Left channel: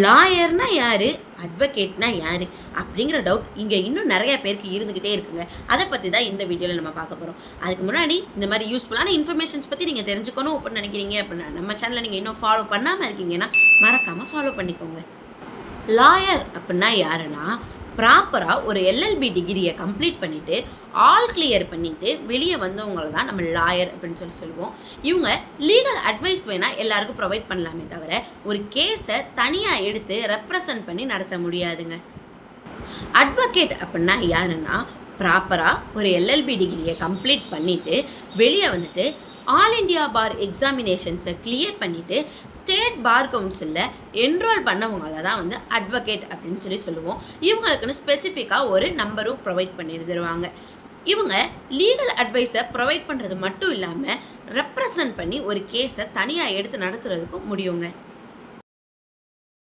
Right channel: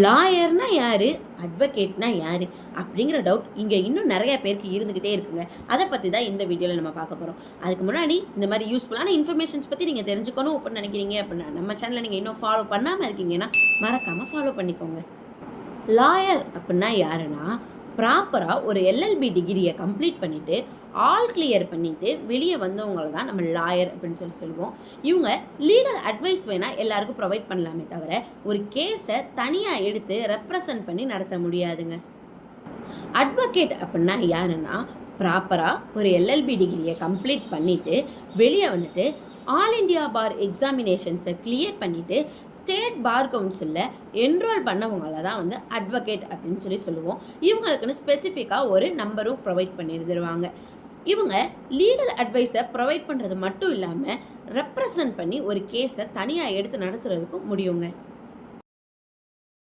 லாயர்னா யார், அட்வொகேட்னா யார் அப்படிங்கிற டவுட் இங்கே இன்னும் நிறைய பேருக்கு இருந்துக்கிட்டே இருக்குங்க. அதை பற்றி தான் இந்த வீடியோவில் நம்ம பார்க்க போகிறோம். அதுக்கு முன்னாடி இந்த மாதிரி யூஸ்ஃபுல்லான இன்ஃபர்மேஷன்ஸ் பற்றி நீங்கள் தெரிஞ்சுக்கணும் அப்படின்னு நினைக்கிறீங்க அப்படின்னா நம்ம சேனலை நீங்கள் இன்னும் ஃபாலோ பண்ணாமல் இருக்கீங்கன்னா மறக்காமல் ஃபாலோ பண்ணிக்கோங்க. லாயர் அப்படின்னா யாருன்னா, ப்ராப்பராக ஒரு எல்எல்பி டிகிரியை கம்ப்ளீட் பண்ணிவிட்டு ஆல் கிளியர் பண்ணிவிட்டு வெளியே வந்தவங்கள தான் நம்ம லாயர் அப்படின்னு சொல்லுவோம். இவங்க லீகல் அட்வைஸ் வேணால் எல்லாருக்கும் ப்ரொவைட் பண்ணலாமே தவிர ஒரு கேஸை தனியாக எடுத்து ரெப்ரசன்ட் பண்ணி நடத்த முடியாதுங்க. அட்வொகேட் அப்படின்னா யாருன்னா, ப்ராப்பராக ஒரு எல்எல்பி டிகிரியை கம்ப்ளீட் பண்ணிவிட்டு வெளியே வந்துட்டு ஆல் இண்டியா பார் எக்ஸாமினேஷன்ஸை கிளியர் பண்ணிவிட்டு ஸ்டேட் பார் கவுன்சிலில் என்ரோல் பண்ணவங்கள தான் வந்து அட்வொகேட் அப்படின்னு சொல்லுவோம். இவங்களுக்குன்னு ஸ்பெசிஃபிக்காக ஒரு நம்பரும் ப்ரொவைட் பண்ணியிருந்துருவாங்க. இவங்க லீகல் அட்வைஸை ப்ரொவைட் பண்ணுறது மட்டும் இல்லாமல் ரெப்ரசன்ட் பண்ணி ஒரு கேஸை தனியாக எடுத்து நடத்துகிறதுக்கும் முடியுங்க.